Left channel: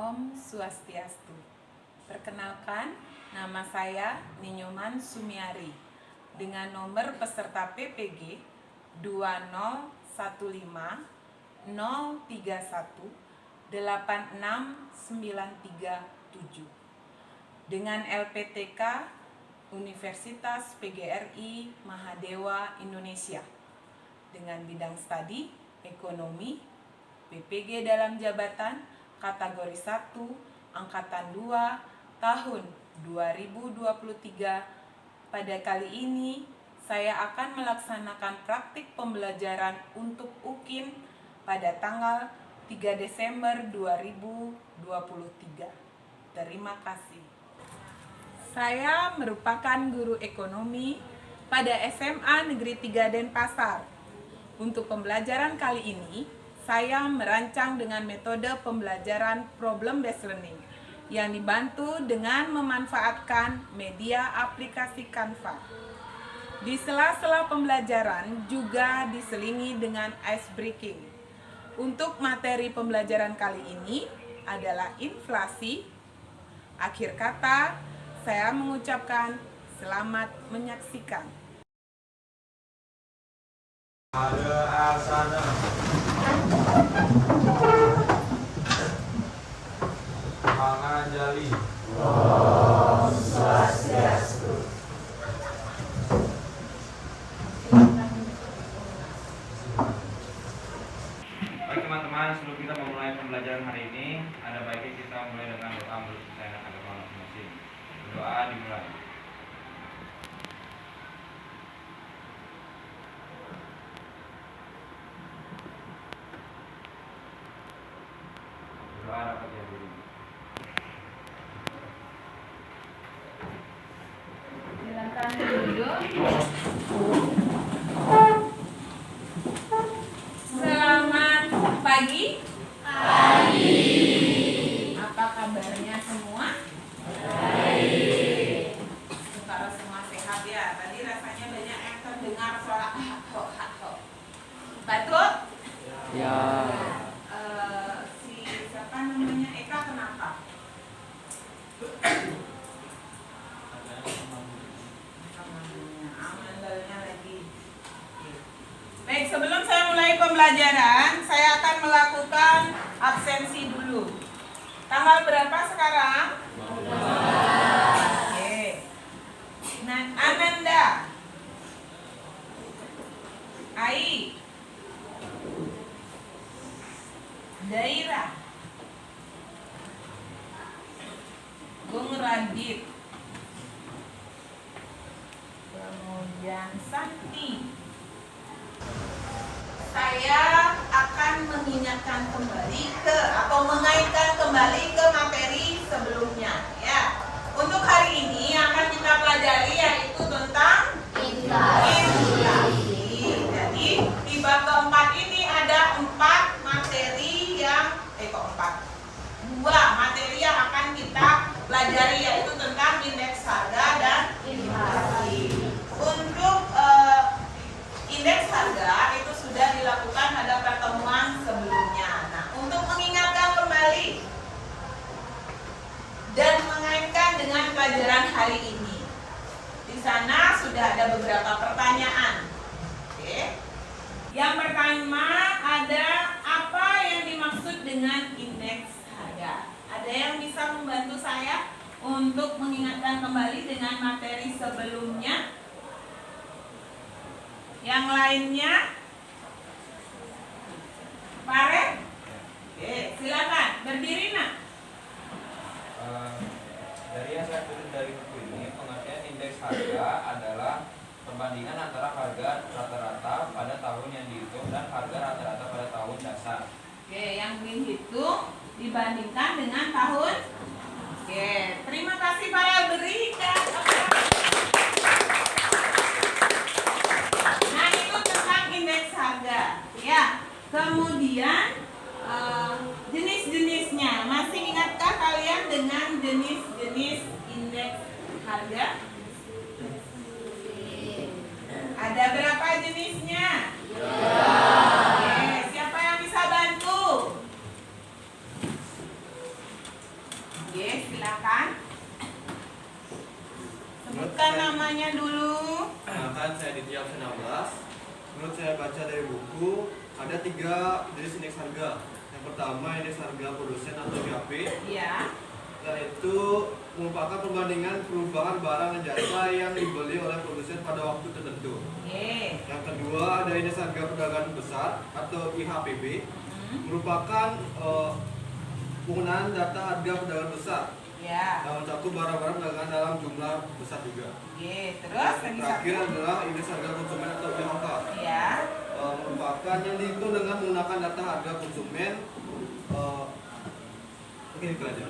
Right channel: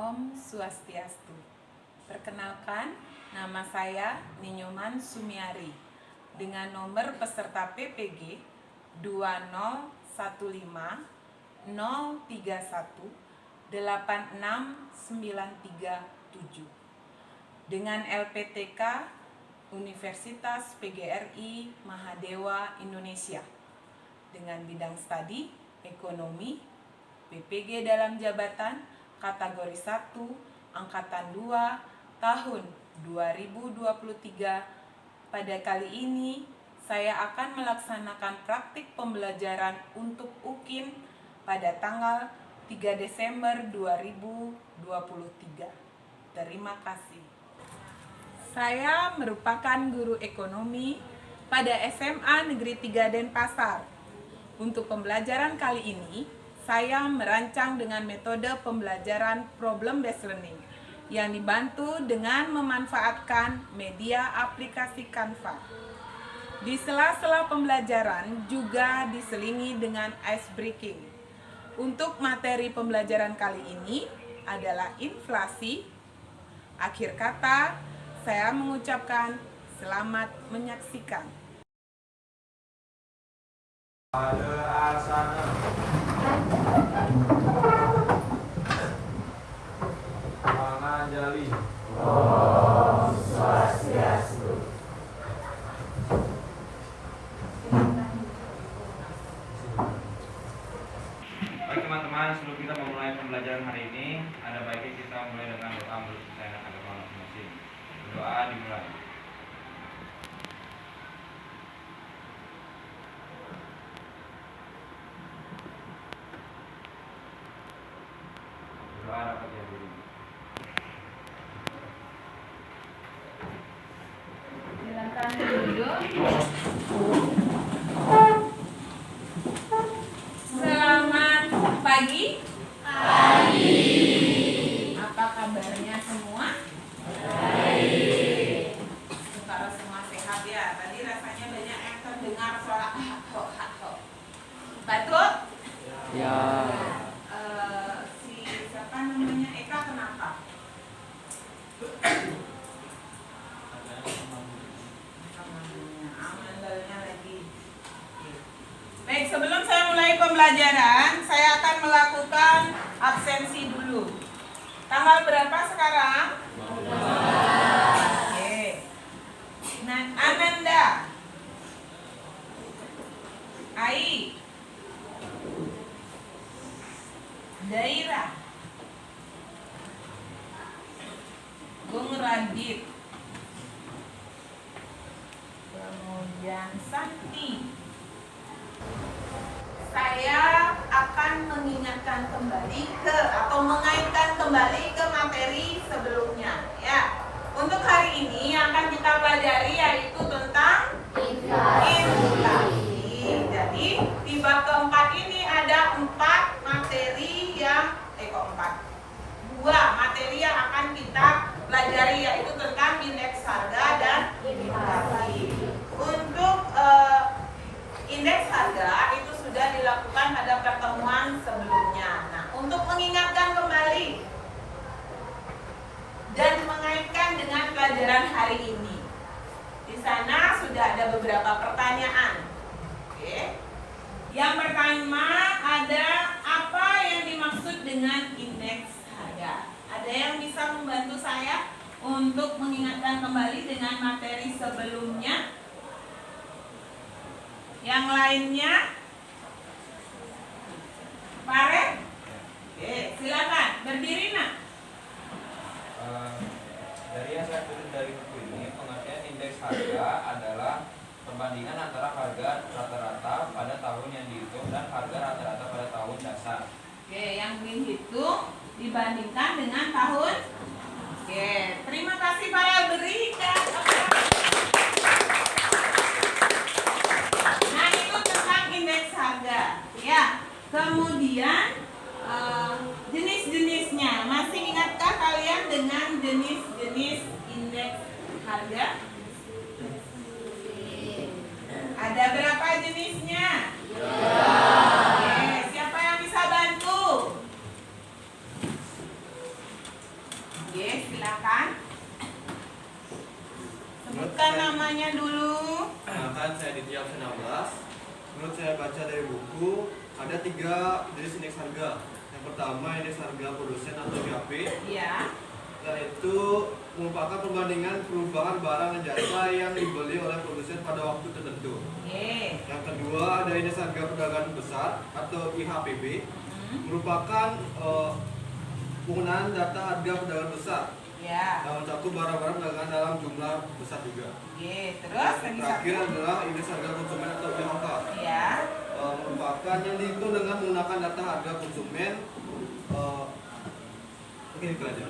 Om Swastiastu. Perkenalkan, nama saya Ninyoman Sumiari dengan nomor peserta PPG 2015 031 86937 dengan LPTK Universitas PGRI Mahadewa Indonesia dengan bidang studi ekonomi, PPG dalam jabatan kategori 1 angkatan 2 tahun 2023. Pada kali ini saya akan melaksanakan praktik pembelajaran untuk UKIN pada tanggal 3 Desember 2023. Terima kasih. Saya merupakan guru ekonomi pada SMA Negeri 3 Denpasar. Untuk pembelajaran kali ini, saya merancang dengan metode pembelajaran problem based learning yang dibantu dengan memanfaatkan media aplikasi Canva. Di sela-sela pembelajaran juga diselingi dengan ice breaking. Untuk materi pembelajaran kali ini adalah inflasi. Akhir kata, saya mengucapkan selamat menyaksikan. Manganjali. Om Swastiastu. Baik teman-teman, sebelum kita memulai pembelajaran hari ini, ada baiknya kita mulai dengan doa menurut kepercayaan agama masing-masing. Doa dimulai. Doa dapat dihadiri. Silakan duduk. Selamat pagi. Apa kabarnya semua? Baik. Kalau semua sehat ya. Tadi rasanya banyak yang terdengar suara haho. Batuk? Ya. Si siapa namanya Eka kenapa? Amandalnya lagi. Baik, sebelum saya mulai pembelajaran, saya akan melakukan absensi dulu. Tanggal berapa sekarang? Oke. Nah, Ananda, Ai, Daira, Bung Radit, kemudian Santi. Saya akan mengingatkan kembali mengaitkan kembali ke materi sebelumnya ya. Untuk hari ini yang akan kita pelajari yaitu tentang inflasi. Jadi di bab keempat ini ada 4 materi yang dua materi yang akan kita pelajari yaitu tentang indeks harga dan inflasi. Untuk indeks harga itu sudah dilakukan pada pertemuan sebelumnya. Nah, untuk mengingatkan kembali dan mengaitkan dengan pelajaran hari ini, di sana sudah ada beberapa pertanyaan. Oke. Yang pertama ada apa yang dimaksud dengan indeks harga? Ada yang bisa membantu saya untuk mengingatkan kembali dengan materi sebelumnya? Yang lainnya? Pare? Oke, silakan berdiri nak. Dari yang saya kutip dari buku ini, pengertian indeks harga adalah perbandingan antara harga rata-rata pada tahun yang dihitung dan harga rata-rata pada tahun dasar. Oke, yang dihitung dibandingkan dengan tahun. Oke, terima kasih para berikan. Nah, itu tentang indeks harga. Ya, kemudian jenis-jenisnya. Masih ingatkah kalian dengan jenis-jenis indeks harga? Ada berapa jenisnya? Oke, siapa yang bisa bantu? menurut saya baca dari buku, ada 3 jenis indeks harga. Yang pertama indeks harga produsen atau IHP, Ya. yaitu merupakan perbandingan perubahan barang dan jasa yang dibeli oleh produsen pada waktu tertentu. Oke. Yang kedua ada indeks harga perdagangan besar atau IHPB, merupakan penggunaan data harga perdagangan besar Ya. dalam satu barang-barang perdagangan dalam jumlah besar juga. Oke. Terus Yang lagi terakhir satu. adalah indeks harga konsumen atau IHK, Ya. merupakan yang dihitung dengan menggunakan data harga konsumen. Mungkin itu aja.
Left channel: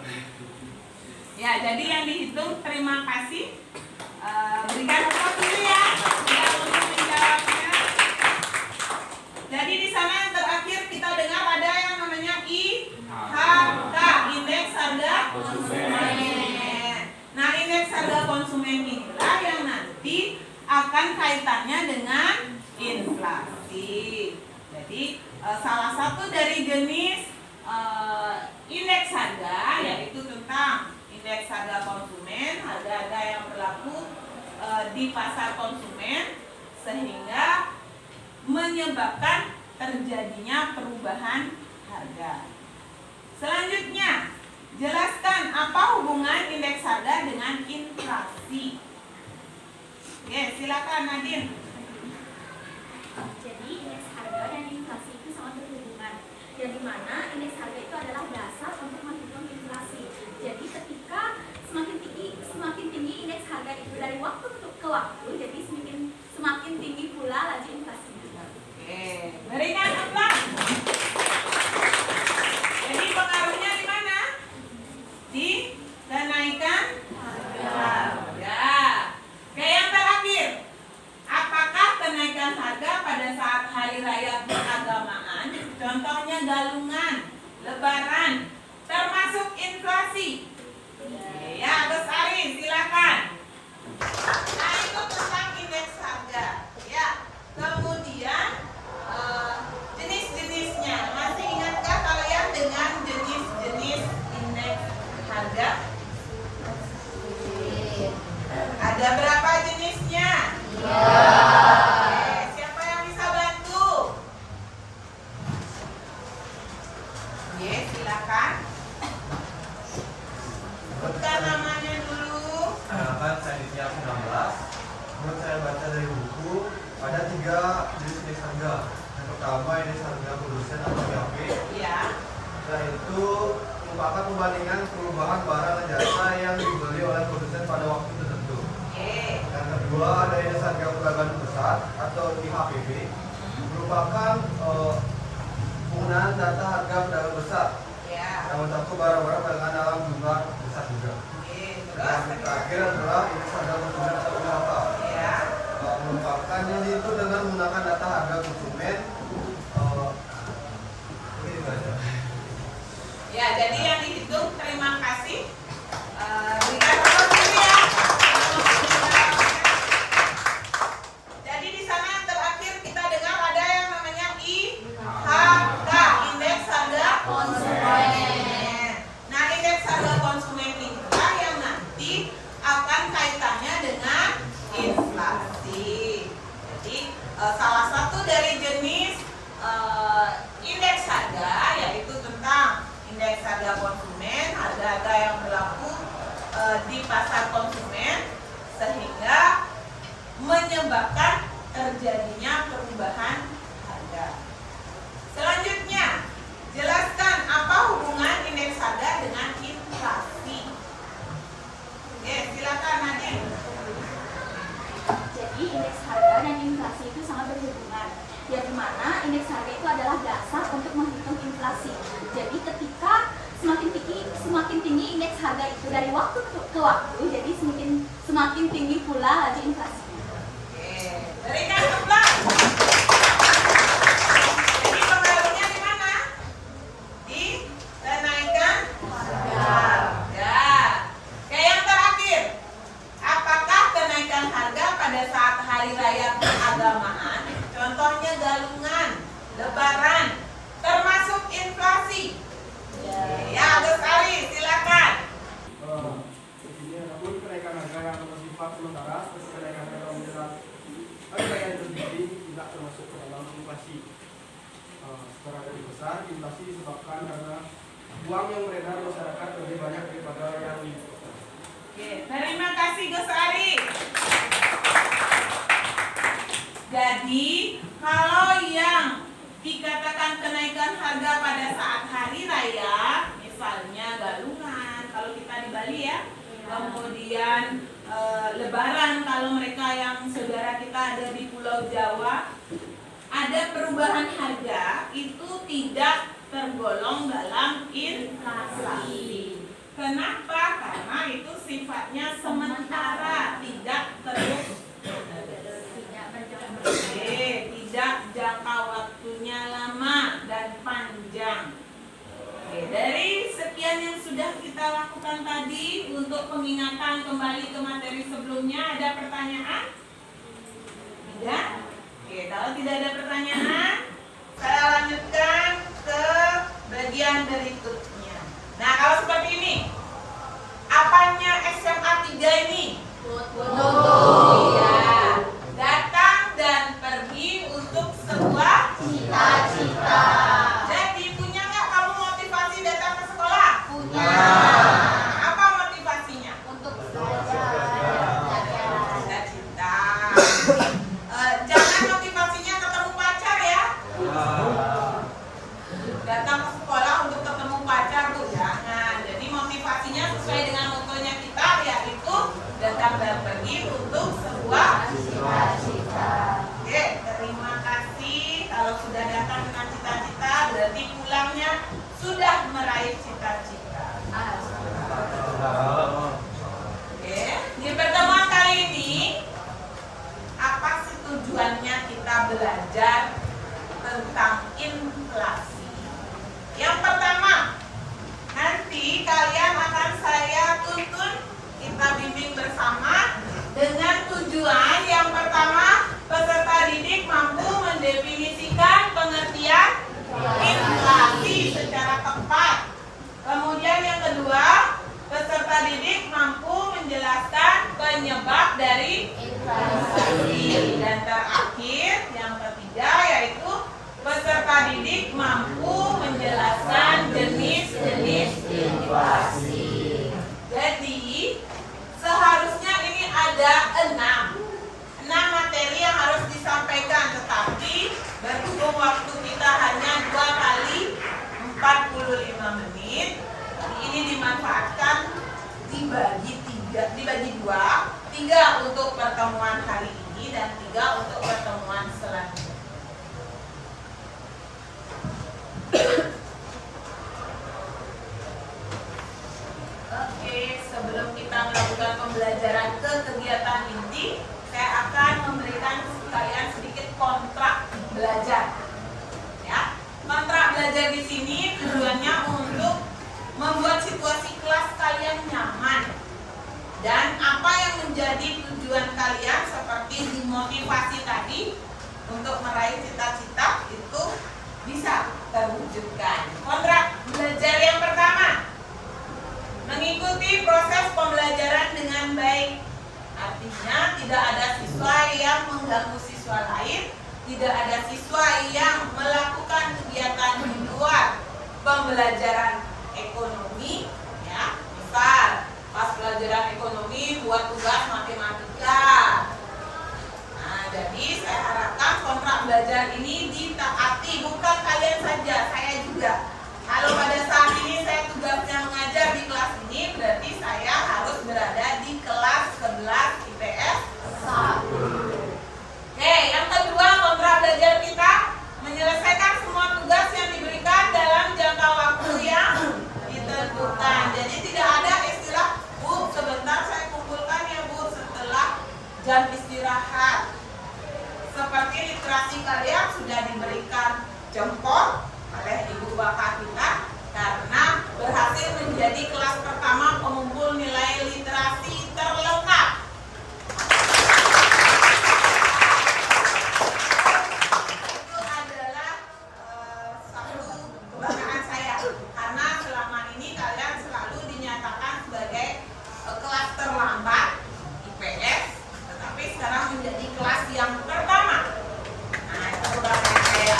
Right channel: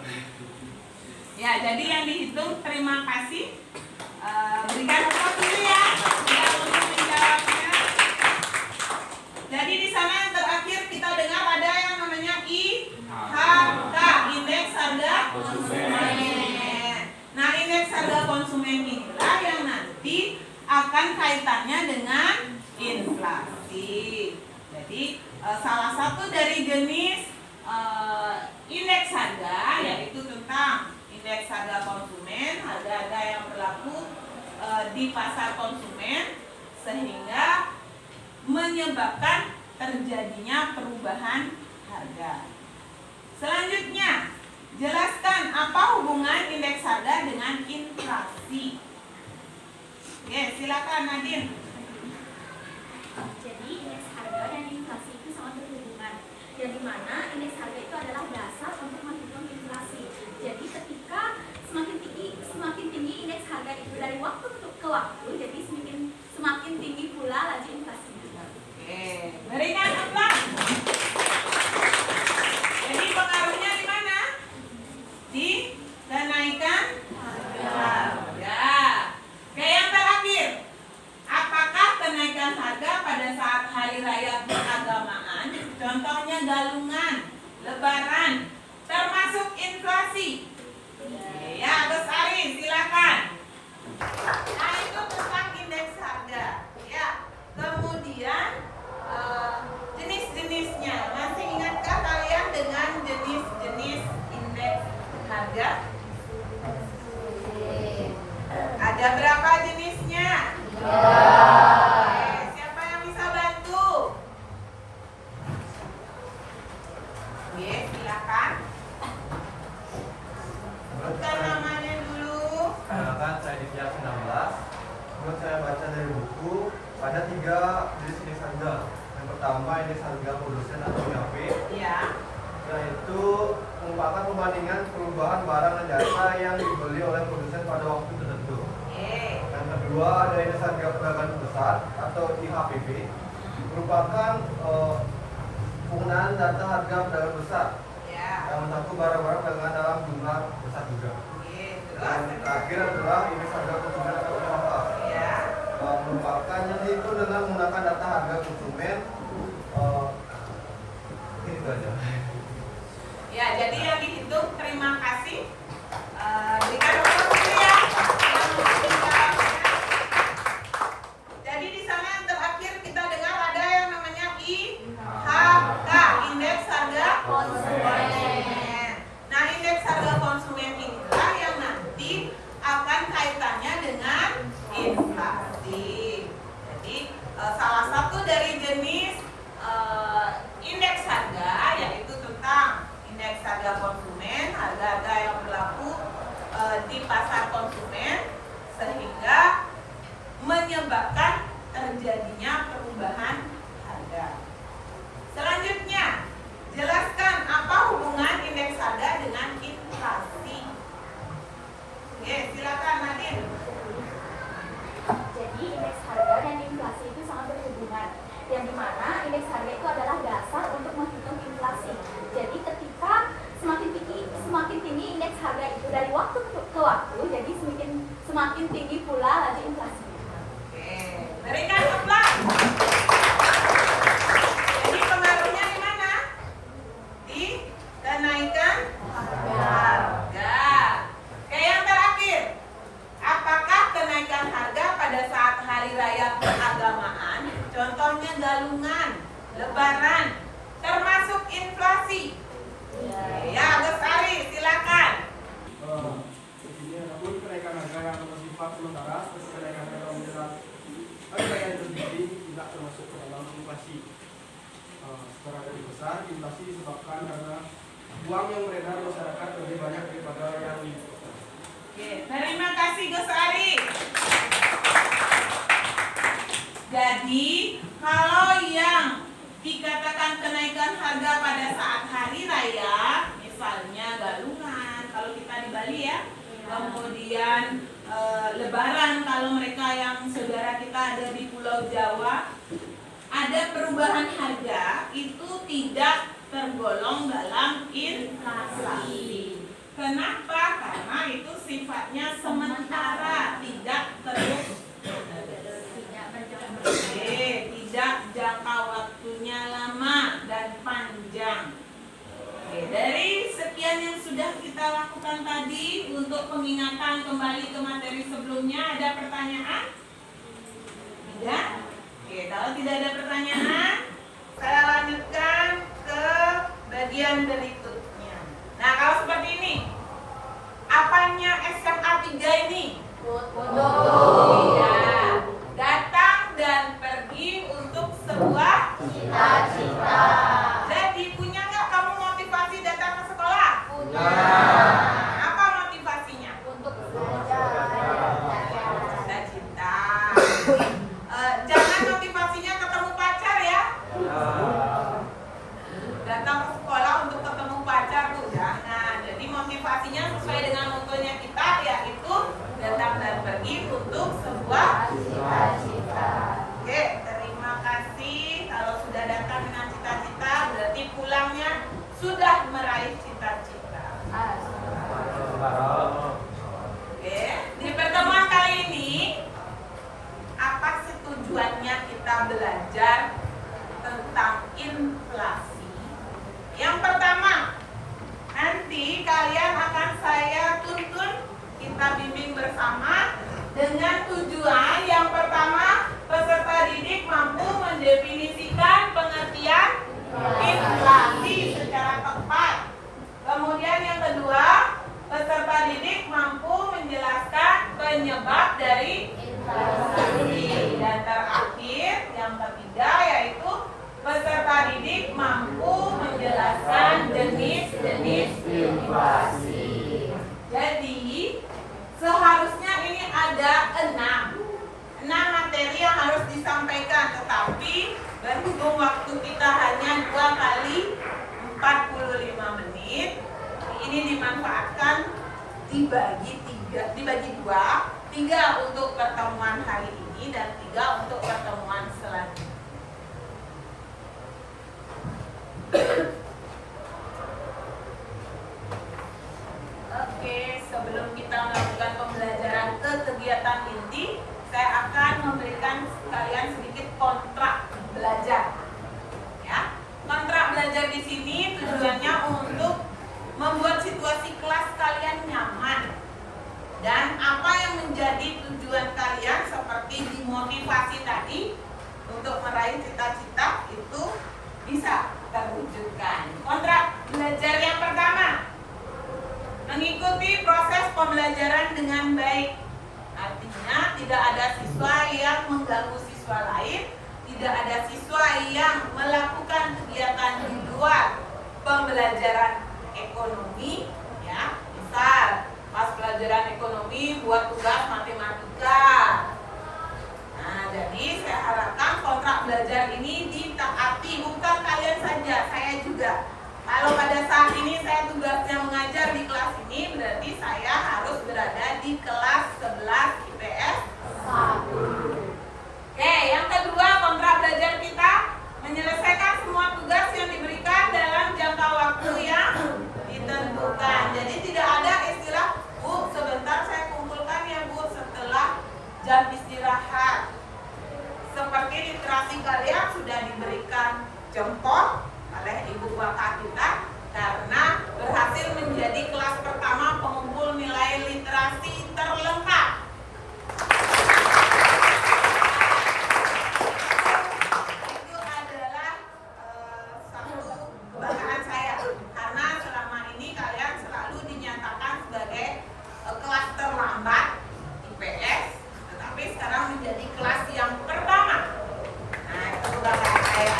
Ya, jadi yang dihitung, terima kasih. Berikan tepuk dulu ya, yang untuk menjawabnya. Jadi di sana yang terakhir kita dengar ada yang namanya IHK, indeks harga konsumen. Nah, indeks harga konsumen inilah yang nanti akan kaitannya dengan inflasi. Jadi salah satu dari jenis indeks harga yaitu tentang indeks harga konsumen, harga-harga yang berlaku di pasar konsumen sehingga menyebabkan terjadinya perubahan harga. Selanjutnya, jelaskan apa hubungan indeks harga dengan inflasi. Oke, silakan Nadine. Jadi indeks harga dan inflasi itu sangat berhubungan. Yang dimana indeks harga itu adalah dasar untuk menghitung inflasi. Jadi ketika semakin tinggi indeks harga itu dari waktu ke waktu, jadi semakin tinggi pula laju inflasi. Oke, berikan tepuk. Jadi pengaruhnya di mana? Di kenaikan harga. Oke, yang terakhir, apakah kenaikan harga pada saat hari raya keagamaan, contohnya galungan, lebaran, termasuk inflasi? Ya, Gus Ari, silakan. Nah, itu tentang indeks harga. Ya, kemudian jenis-jenisnya. Masih ingatkah kalian dengan jenis-jenis indeks harga? Ada berapa jenisnya? Oke, siapa yang bisa bantu? Oke, silakan. Bukan namanya dulu. Kenalkan, saya Ditya 19. Menurut saya baca dari buku, ada 3 jenis indeks harga. Yang pertama indeks harga produsen atau IHP, Ya. yaitu merupakan perbandingan perubahan barang dan jasa yang dibeli oleh produsen pada waktu tertentu. Oke. Yang kedua ada indeks harga perdagangan besar atau IHPB, merupakan penggunaan data harga perdagangan besar Ya. dalam satu barang-barang perdagangan dalam jumlah besar juga. Oke, Yang terus terakhir adalah indeks harga konsumen atau IHK, ya. merupakan yang itu dengan menggunakan data harga konsumen. Mungkin itu aja. Ya, jadi yang dihitung, terima kasih. Berikan tepuk dulu ya. Jadi di sana yang terakhir kita dengar ada yang namanya IHK, indeks harga konsumen. Nah, indeks harga konsumen inilah yang nanti akan kaitannya dengan inflasi. Jadi salah satu dari jenis indeks harga yaitu tentang indeks harga konsumen, harga-harga yang berlaku di pasar konsumen sehingga menyebabkan terjadinya perubahan harga. Selanjutnya, jelaskan apa hubungan indeks harga dengan inflasi. Oke, silakan Nadine. Jadi indeks harga dan inflasi itu sangat berhubungan. Yang dimana indeks harga itu adalah dasar untuk menghitung inflasi. Jadi ketika semakin tinggi indeks harga itu dari waktu ke waktu, jadi semakin tinggi pula laju inflasinya. Oke, berikan tepuk. Jadi pengaruhnya di mana? Di kenaikan harga. Oke, yang terakhir, apakah kenaikan harga pada saat hari raya keagamaan, contohnya galungan, lebaran, termasuk inflasi? Ya, Gus Ari, silakan. Ini adapun kenaikan harga yang bersifat sementara, seperti kenaikan harga menjelang hari raya Idul Fitri tidak termasuk inflasi. Secara garis besar, inflasi disebabkan karena uang yang beredar di masyarakat lebih banyak daripada yang dibutuhkan. Oke, terima kasih Gus Ari. Jadi, kalau yang dikatakan kenaikan harga pada saat hari raya, misalnya Galungan, kalau kita di Bali ya, kemudian Lebaran kalau mereka yang saudara kita ada di Pulau Jawa, ada perubahan harga itu tidak tergolong dalam inflasi. Kenapa? Karena itu sifatnya sementara, tidak terus, tidak jangka waktunya lama dan panjang. Oke, dari sekian yang sudah kita lakukan tadi untuk pengingatan kembali ke materi sebelumnya, ada pertanyaan? Tidak? Oke, kalau tidak ada pertanyaan, saya lanjutkan ke bagian berikutnya. Nah, kalau seperti ini, apanya SMA 3 ini? Iya. Datang dan pergi untuk sebuah cita-cita. Jadi punya nggak kamu motivasi datang ke sekolah? Punya. Apa motivasinya? Untuk cita-cita. Jangan motivasinya ketemu pacar ya. Datang ke sekolah untuk ketemu pacar tuh jangan. Jadi motivasinya sesuai dengan motonya kita, yaitu datang dan pergi untuk sebuah cita-cita. Oke, terima kasih. Kalau sudah datang dengan cita-cita, berarti pulangnya sudah meraih cita-cita. Oke, di pertemuan kali ini, apa sih tujuannya kita belajar tentang inflasi? Yang pertama, nanti kalian akan saya tuntun, kita bimbing bersama dengan tujuan yang pertama, peserta didik mampu mendefinisikan pengertian inflasi secara tepat. Kemudian yang kedua, peserta didik mampu menjelaskan penyebab dari inflasi. Dan terakhir, yang ketiga yaitu peserta didik mampu menjelaskan jenis-jenis inflasi. Jadi, seharusnya ini ada 6 materi yang harus disampaikan, tetapi berhubung waktu kita hanya 2 kali 45 menit, ini dimanfaatkan dibagi 2, 3 untuk pertemuan hari ini dan 3 untuk pertemuan selanjutnya. Oke, sebelum kita melakukan pembelajaran ke kegiatan inti, saya akan memberikan kalian sedikit kontrak belajar. Ya, kontrak belajar di sini tujuannya untuk membuat situasi kelas kalian nyaman. Dan apa yang menjadi tujuan kalian seperti dimotivasi tadi untuk meraih cita-cita itu bisa terwujudkan. Kontrak belajar yang pertama, mengikuti proses pembelajaran dengan baik. Artinya tidak ada siswa yang mengganggu siswa lain, tidak ada siswa yang melakukan kegiatan di luar pembelajaran ekonomi, ya. Misal pas pelajaran ekonomi buat tugas matematika. Nah, jadi saya harapkan kontrak belajar ini ditaati, bukan kalian saja, saya juga. Kalau pada saat ini saya tugasnya mengajar di kelas ini, berarti saya harus berada di kelas 11 IPS 1. Oke, yang kedua, kontrak belajar kita menyelesaikan semua tugas yang diberikan dalam jangka waktu yang ditentukan. Jadi tidak ada istilah, Bu, sebentar saya kumpulkan ya Bu setelah jam istirahat. Seperti literasi kalian sudah diberikan jempol oleh ibu bapak kita karena berhasil menjadi kelas pertama pengumpul nilai literasi terlengkap. Itu adalah satu kebanggaan saya karena selama ini kalian selalu dinyatakan sebagai kelas terlambat IPS, tetapi sekarang menjadi kelas yang pertama. Nah, itu kebanggaan saya.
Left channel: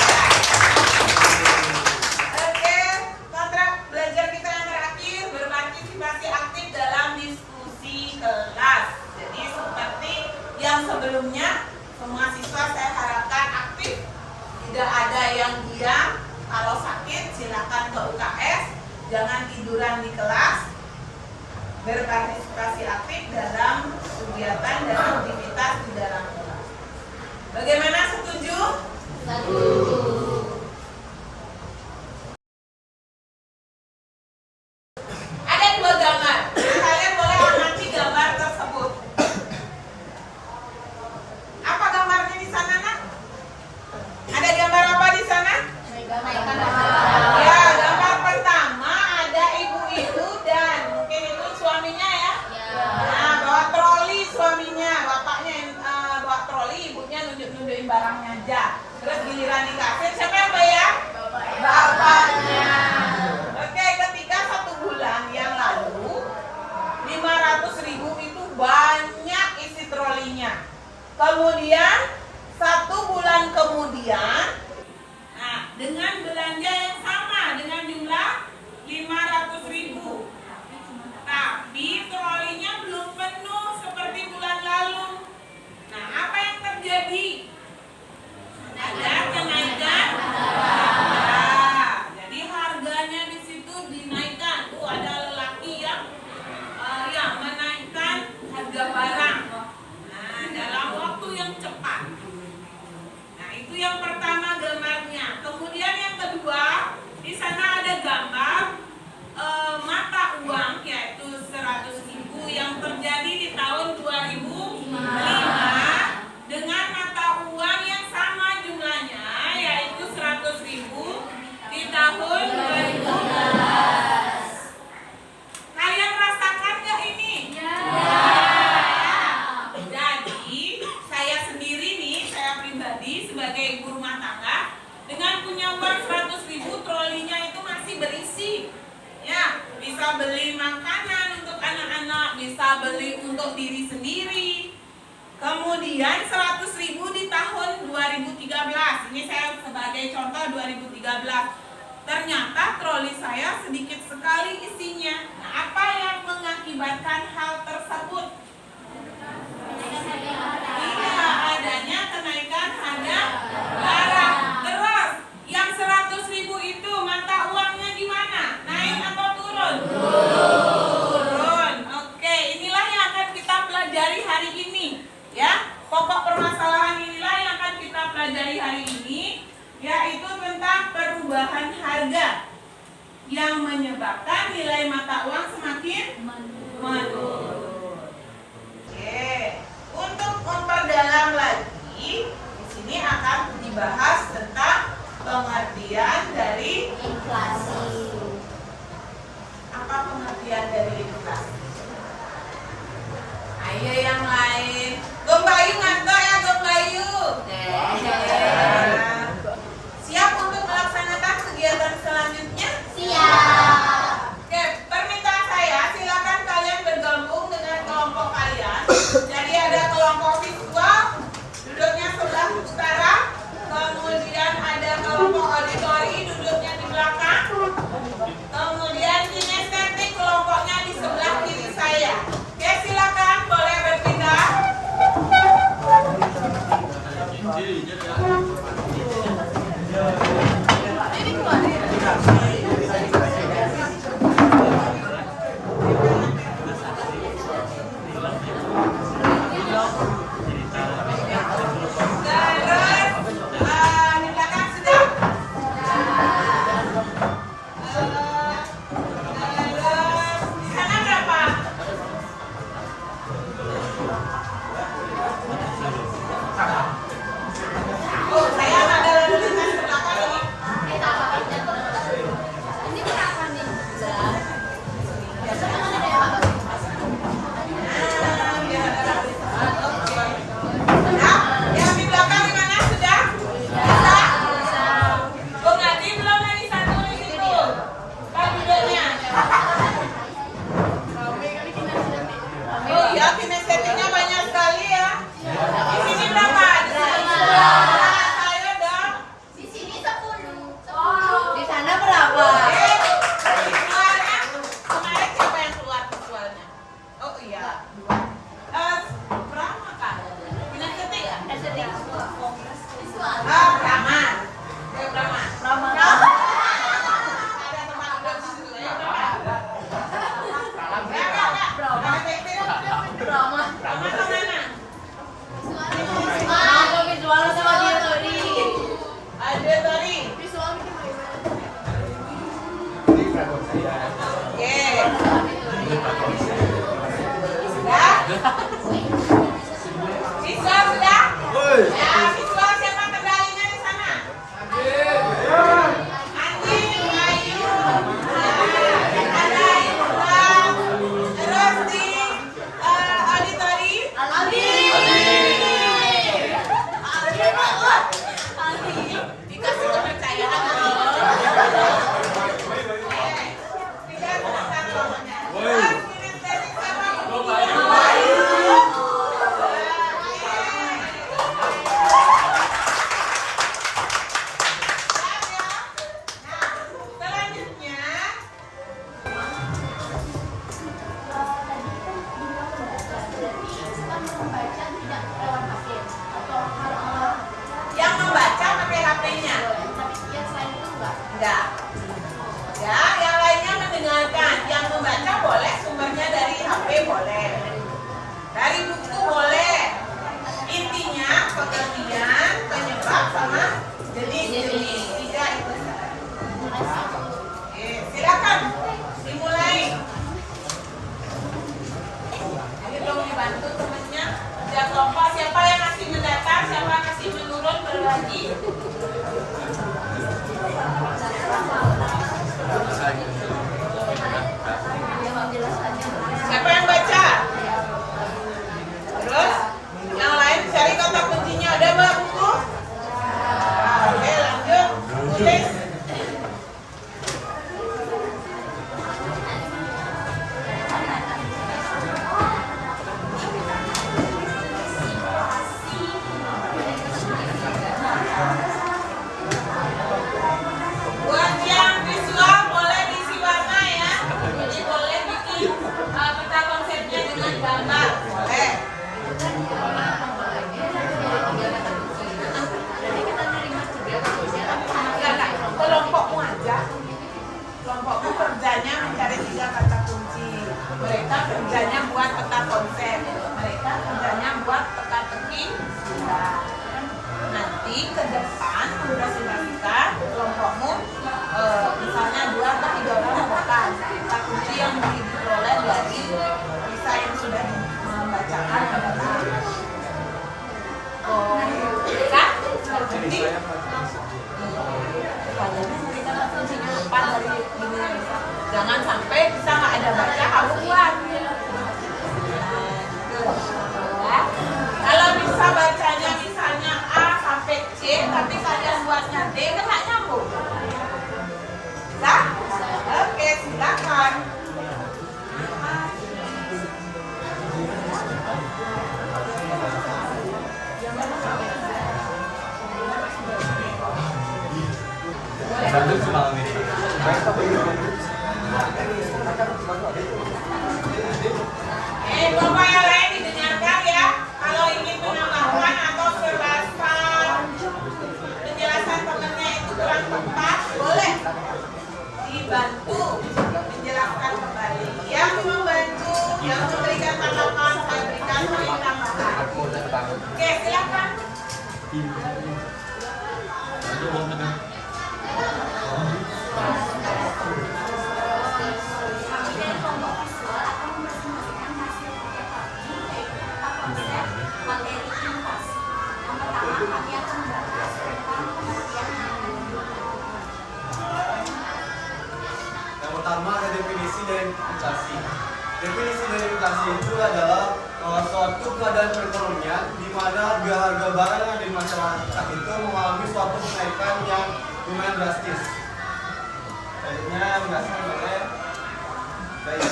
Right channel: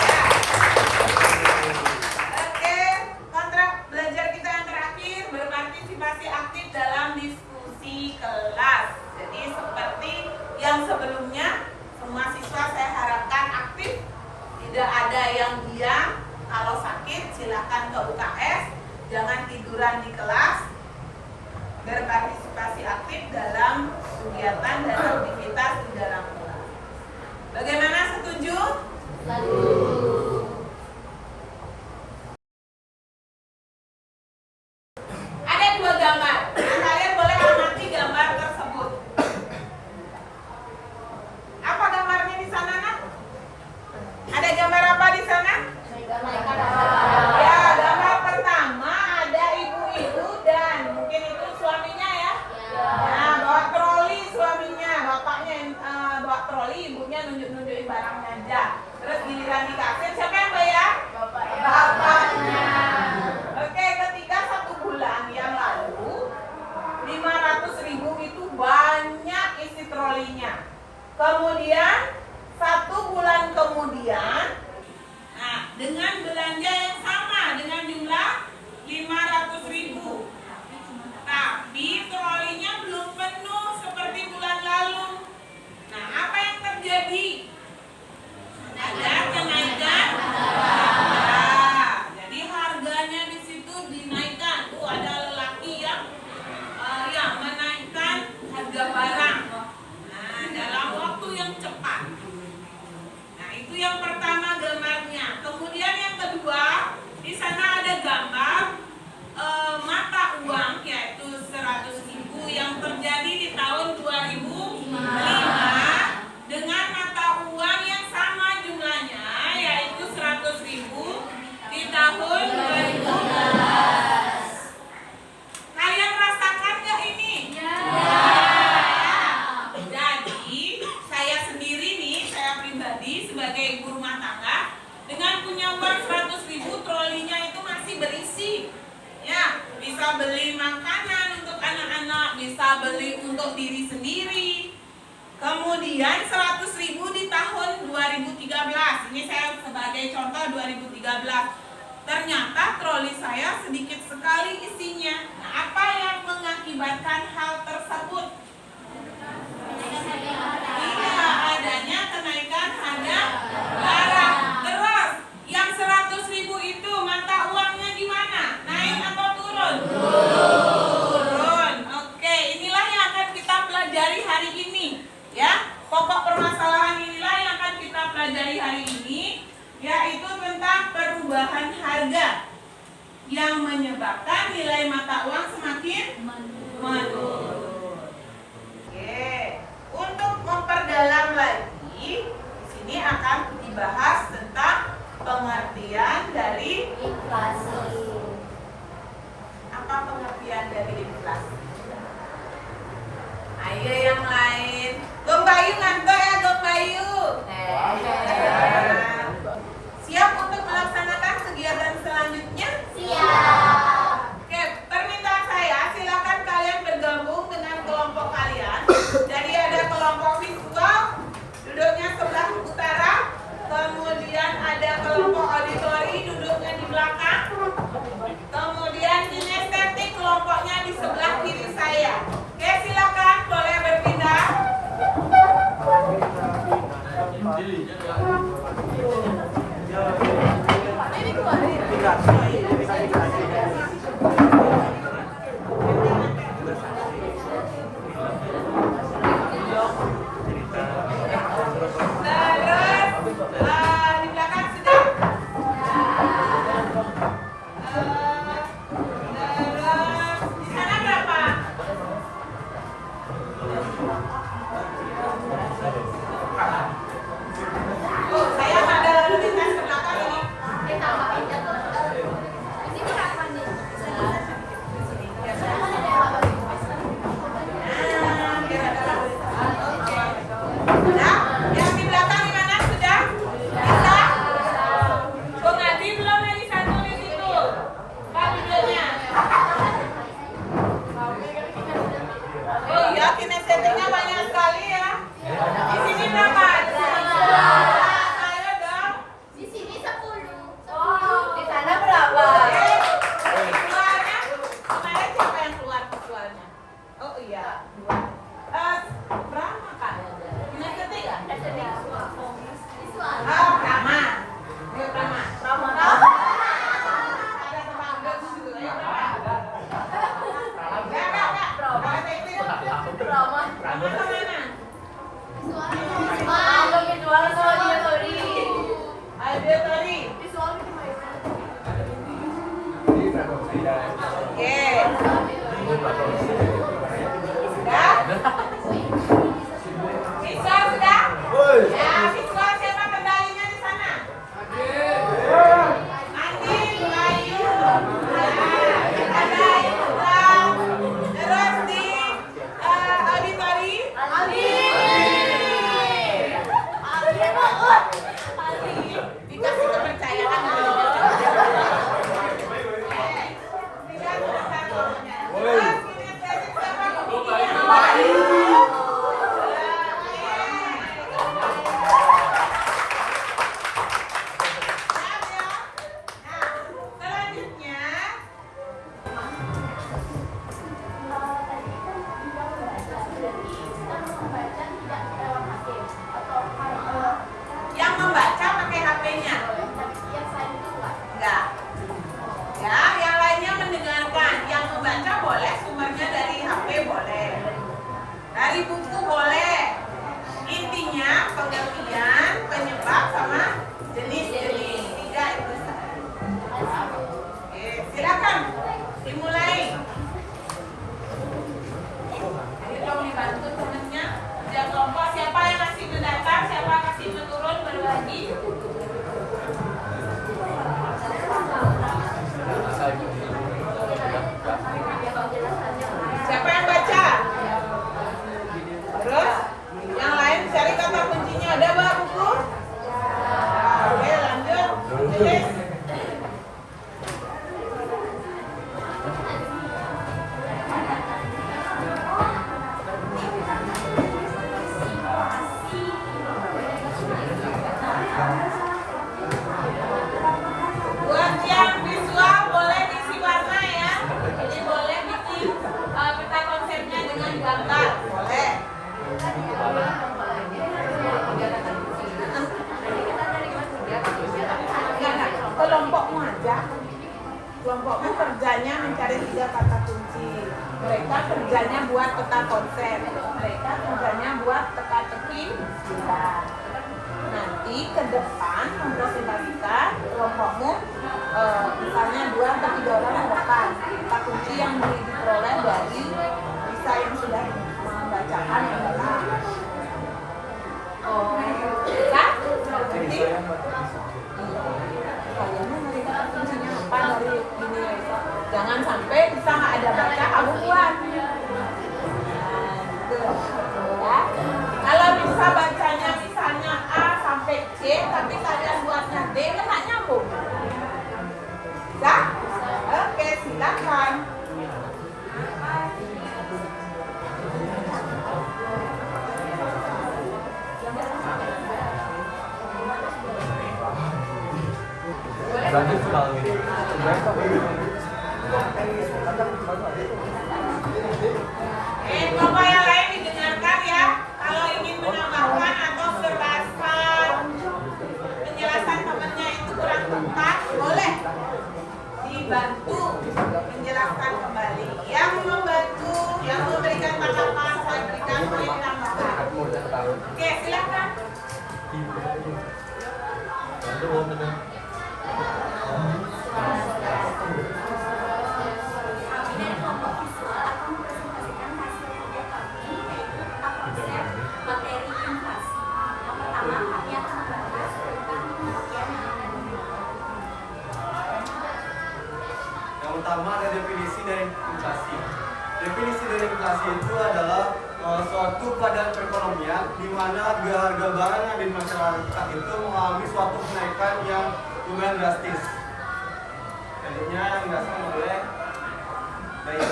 Tidak ada yang diam. Kalau sakit silakan ke UKS. Jangan tiduran di kelas. Berpartisipasi aktif dalam kegiatan dan aktivitas di dalam kelas. Bagaimana, setuju? Ada dua gambar. Kalian boleh amati gambar tersebut. Apa gambarnya di sana, Nak? Ada gambar apa di sana? Ya, gambar pertama ada ibu-ibu dan mungkin itu suaminya ya. Nah, bawa troli suaminya, bapaknya yang bawa troli, ibunya nunjuk-nunjukin barangnya aja. Terus giliran di kasir, siapa yang bayar? Bapaknya. Oke, ketika 1 bulan yang lalu 500.000 itu banyak isi trolinya. Kemudian 1 bulan kemudian, nah, dengan belanja yang sama dengan jumlah 500.000, tapi trolinya belum penuh seperti bulan lalu. Nah, apa yang terjadi? Ada kenaikan harga. Jadi harganya di situ dinaikkan. Tuh ada lelaki yang menaikkan harga barang. Nah, dalam waktu yang cepat. Nah, itu yang pertama gambarnya. Kemudian yang kedua, di sana ada gambar mata uang yaitu 100.000 yang terjadi di tahun 2005 dengan mata uang yang sama jumlahnya yaitu 100.000 di tahun 2012. Kalian rasakan nggak ini? Ya. Jadi saya sendiri nih, saya pribadi sebagai ibu rumah tangga dengan punya uang 100.000, trolinya itu masih berisi. Ya, bisa beli makanan untuk anak-anak, bisa beli untuk diri sendiri. Kemudian 100.000 di tahun 2013. Ini saya sebagai contoh 2013. Ternyata troli saya sedikit sekali isinya. Nah, apa yang mengakibatkan hal tersebut? Iya, adanya kenaikan harga barang. Terus, yang 100.000 itu mata uangnya gimana? Naik atau turun? Turun. Oke, inilah yang akan kita pelajari hari ini. Ya, pokok permasalahan inilah yang akan kita pelajari hari ini, yaitu tentang perubahan harga yang menyebabkan nilai mata uang semakin menurun. Oke, untuk memperdalam lagi, di sini akan dibahas tentang pengertian dari Inflasi. apa pengertian dari inflasi. Ayo yang lain. Gong Bayu ngantor ya, Gong Bayu. Siap untuk melaksanakan kegiatan selanjutnya? Siap. Oke, permintaan saya silakan kalian bergabung dengan kelompok kalian. Jadi ada kelompok visual, duduknya sebelah utara. Kemudian ada kelompok auditori, duduknya di belakang. Kemudian kinestetik, kelompoknya di sebelah kiri saya. Oke, silakan boleh berpindah. Di belakang sudah. Oke. Sudah? Visual sudah? Ya, visual siapa kendalinya di sana? Andi, Ayu, ada Irwan, terus di auditori. Dikasih kepercayaan loh. Dikasih satu. Terus kinestetik siapa? Selanjutnya yang membaca pakai HP-nya. Enggak. Ya, yang lainnya mendengarkan. Yang membaca boleh sumbernya dari HP boleh. Dari buku boleh. Intinya pengertian, penyebab sama jenis-jenis. Tiga itu saja. Oke, silakan dimulai. Ayo dong dibantu temennya. Kerja kelompok, siapa yang masih mendata, siapa yang masih menurun berbagi. Siapa yang baca? Terus yang lain cari kata kuncinya. Ada bawa buku? Oke, lanjut tulis. Buat yang visual boleh diisi warna ya. Jadi boleh bikin peta konsepnya dengan gambar. Boleh. Kelompokmu aja. Kelompokmu kerjanya mencari 3 kata kunci. Mereka kerjanya buat peta konsep. Mereka kerjanya buat teka-teki. Nanti ke depan mempresentasikan kelompokmu, misalnya 2 atau 3 orang ke depan. Kata kunci yang diperoleh dari bisa yang sudah membacakan adalah kan? Jadi kayaknya mereka kuncinya apa dari ini ya bisa. Jangan sampai bisa nggak ada baca kamu buat. Nah, gitu. Ya. Kalau bisa bacanya misalnya A sampai C, tapi kalian buatnya D, kan nggak nyambung. Bisa? Oke, silakan. Lanjut semalam ini. Kelompok yang lain didengarkan ya. Kalau ingin menambahkan atau penjelasan temannya itu kurang tepat, boleh dibantu menjelaskan kembali. Yang membantu, yang memberikan tanggapan, saya berikan poin tambahan. Oke, silakan. Yang pertama ada definisi dari inflasi. Definisi dari inflasi itu adalah suatu keadaan perekonomian di mana harga barang yang di masyarakat itu mengalami suatu kenaikan yang lumayan drastis. Selanjutnya yang dijelaskan oleh baik.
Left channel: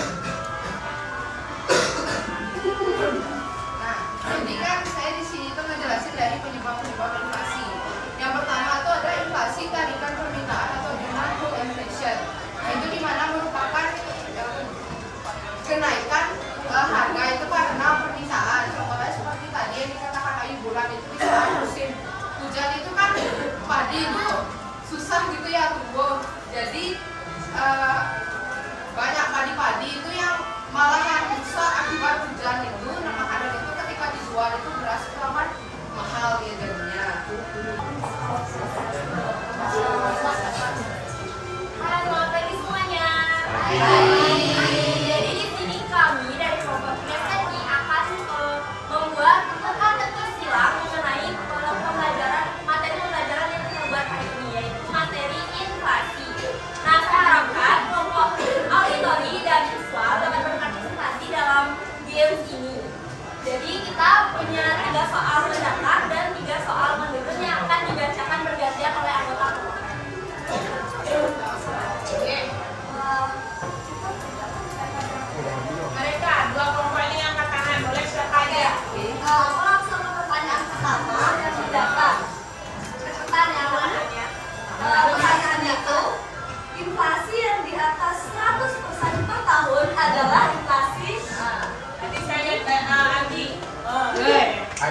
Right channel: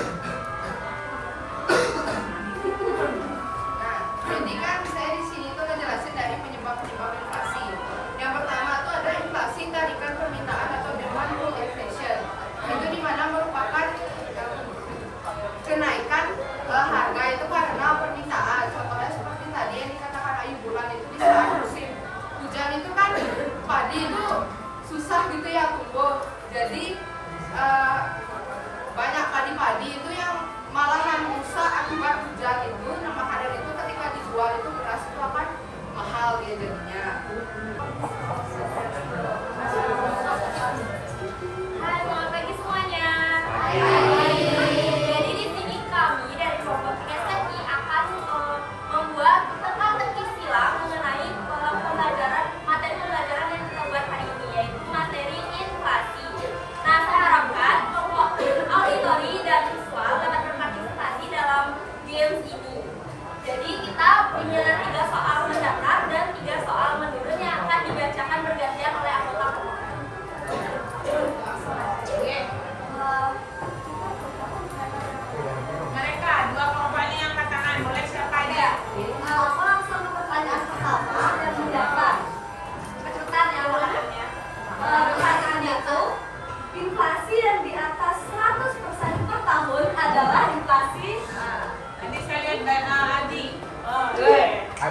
Nah, jadi kan saya di sini tuh ngejelasin dari penyebab-penyebab inflasi. Yang pertama tuh ada inflasi tarikan permintaan atau demand pull inflation. Itu dimana merupakan kenaikan harga itu karena permintaan. Contohnya seperti tadi yang dikatakan Ayu bulan itu di saat musim hujan itu kan padi itu susah gitu ya tumbuh. Jadi banyak padi-padi itu yang malah yang rusak akibat hujan itu. Nah makanan itu ketika dijual itu beras itu akan mahal dia jadinya. Halo, pagi semuanya.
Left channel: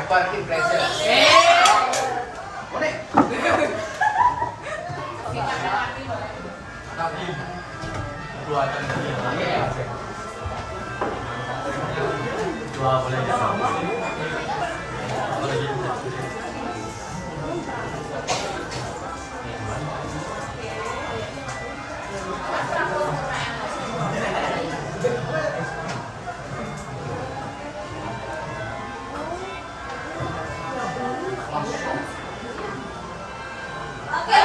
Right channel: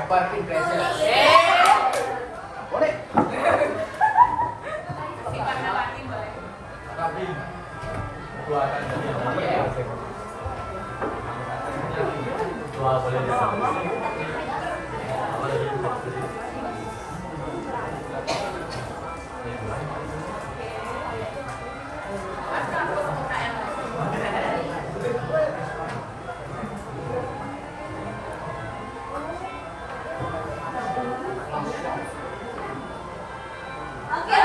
Hyper impression. Boleh. Tapi dua kan dua boleh Oke,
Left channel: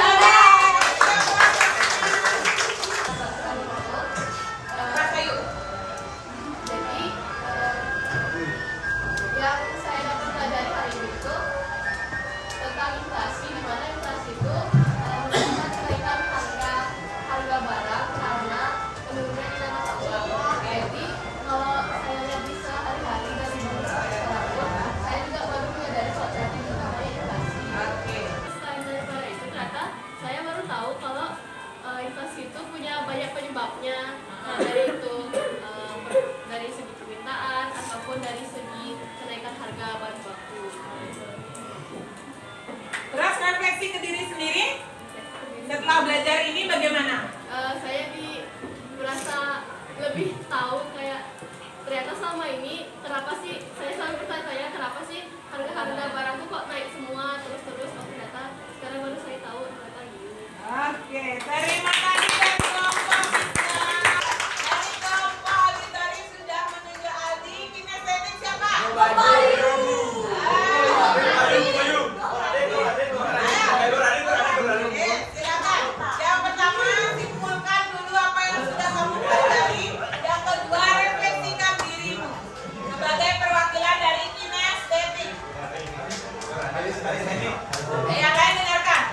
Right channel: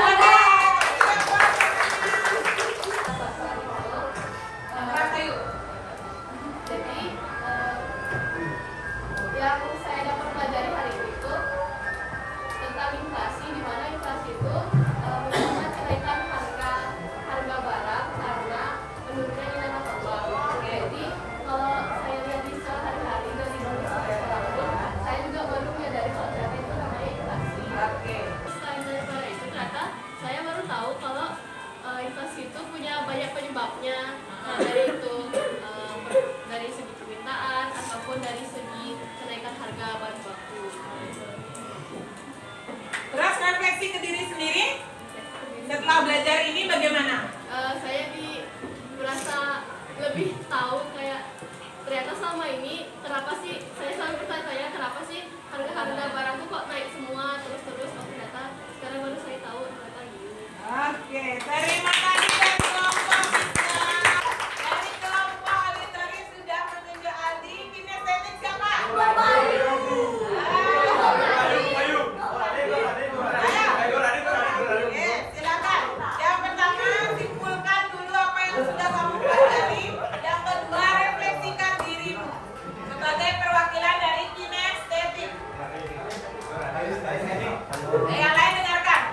Jadi yang saya dapat pelajari hari ini itu tentang inflasi, di mana inflasi itu merupakan kenaikan harga barang karena menurunnya nilai mata uang. Jadi kalau saya lihat di sehari-hari dari dulu sampai sekarang, saya juga baru menyadari konsep yang namanya inflasi. Selain daripada itu, ternyata saya baru tahu kalau inflasi itu punya banyak penyebabnya. Nah, dari segi permintaan ataupun dari segi kenaikan harga bahan baku. Terus refleksi ke diri sendiri. Setelah belajar ini bagaimana? Saya merasa lebih tahu kayak ternyata selama ini kenapa sih saya selalu bertanya kenapa sih harga-harga barang tuh kok naik semua terus-terus. Oh, ternyata sekarang baru saya tahu ternyata gini. Oke, terima kasih dari kelompok kita. Dari kelompok Aldi tadi sudah menunjuk Aldi. Kinestetik siapa? Silakan. Yang pertama simpulkan dulu apa yang sudah kamu pelajari. Yang kedua refleksikan dirimu sebagai perwakilan dari kinestetik. Yang lain dengarkan.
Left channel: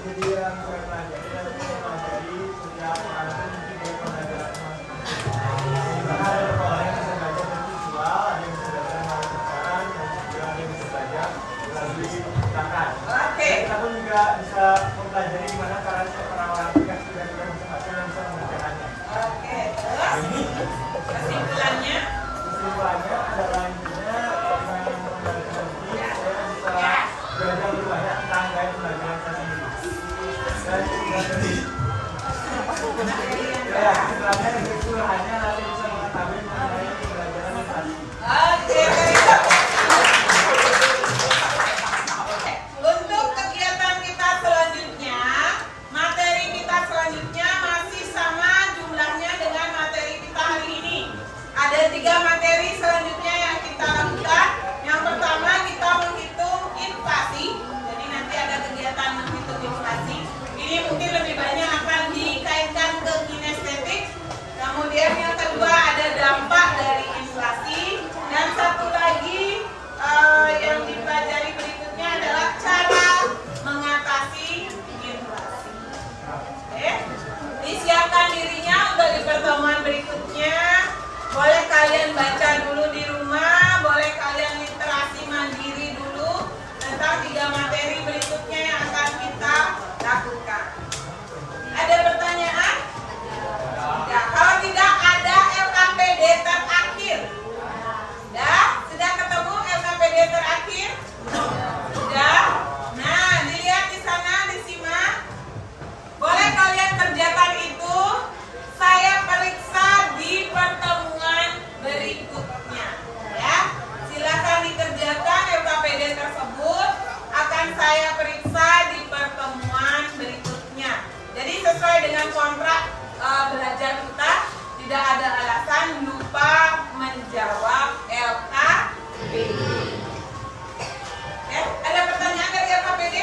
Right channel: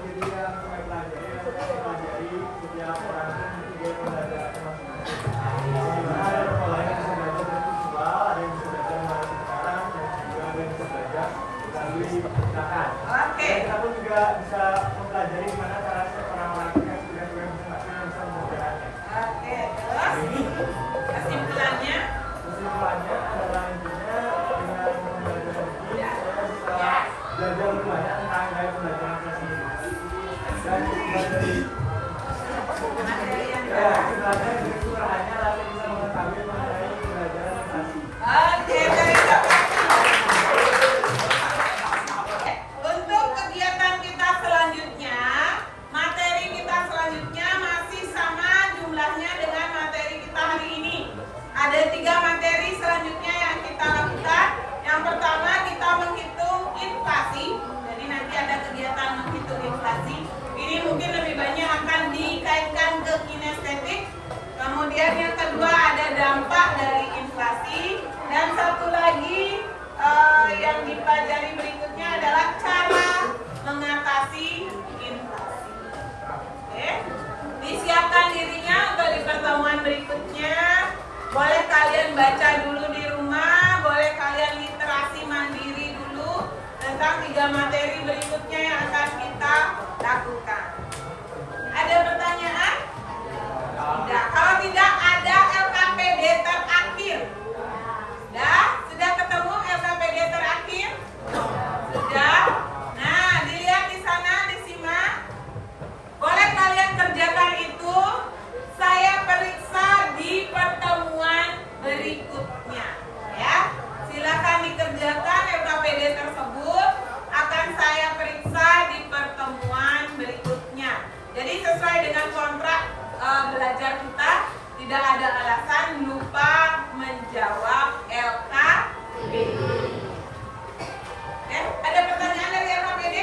Jadi yang saya pelajari setiap orang itu mungkin dia belajar ada orang yang bisa belajar dari visual, ada yang bisa belajar sekarang, dan ada yang bisa belajar melalui perpustakaan. Oke. Kita pun juga bisa mempelajari gimana caranya orang-orang itu kan sudah bisa mengerjakannya. Oke, terus kesimpulannya. Kesimpulannya adalah intinya dengan mempelajari saya bisa belajar lebih banyak tentang gaya pembelajaran saya sendiri. Dan dari setelahnya kesimpulannya nanti bisa mengetahui mengenai pembelajaran inflasi. Oke, terima kasih. Untuk kegiatan kita selanjutnya, materi kita selanjutnya masih sama jumlahnya dengan materi kita hari ini. Ada 3 materi selanjutnya yang kita lakukan. Yang pertama kita menghitung inflasi. Jadi nanti ada kegiatan menghitung inflasi. Ini mungkin lebih banyak akan dikaitkan ke kinestetik. Kemudian yang kedua ada dampak dari inflasi. Dan satu lagi yang dipelajari berikutnya adalah cara mengatasi inflasi. Oke, disiapkan dirinya untuk di pertemuan berikutnya. Boleh kalian baca dulu di rumah, boleh kalian literasi mandiri dulu tentang 3 materi berikutnya yang akan kita lakukan. Ada pertanyaan? Ya, kalau tidak ada LKPD terakhir. Sudah ketemu LKPD terakhir? Sudah. Nah, dilihat di sana, disimak. Boleh kalian kerjakan itu. Saya periksa di pertemuan berikutnya. Ya, silakan dikerjakan LKPD tersebut. Akan saya periksa di pertemuan berikutnya. Jadi sesuai dengan kontrak belajar kita, tidak ada alasan lupa menjawab LKPD. Ada pertanyaan dari LKPD?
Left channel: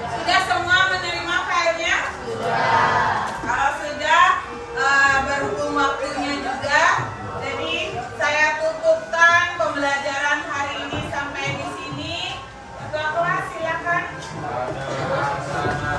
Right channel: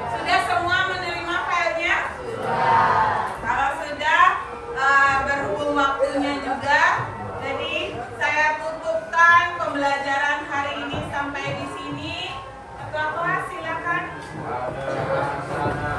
Sudah semua menerima filenya? Kalau sudah, berhubung waktunya juga, jadi saya tutupkan pembelajaran hari ini sampai di sini. Ketua kelas silakan. Ada sana.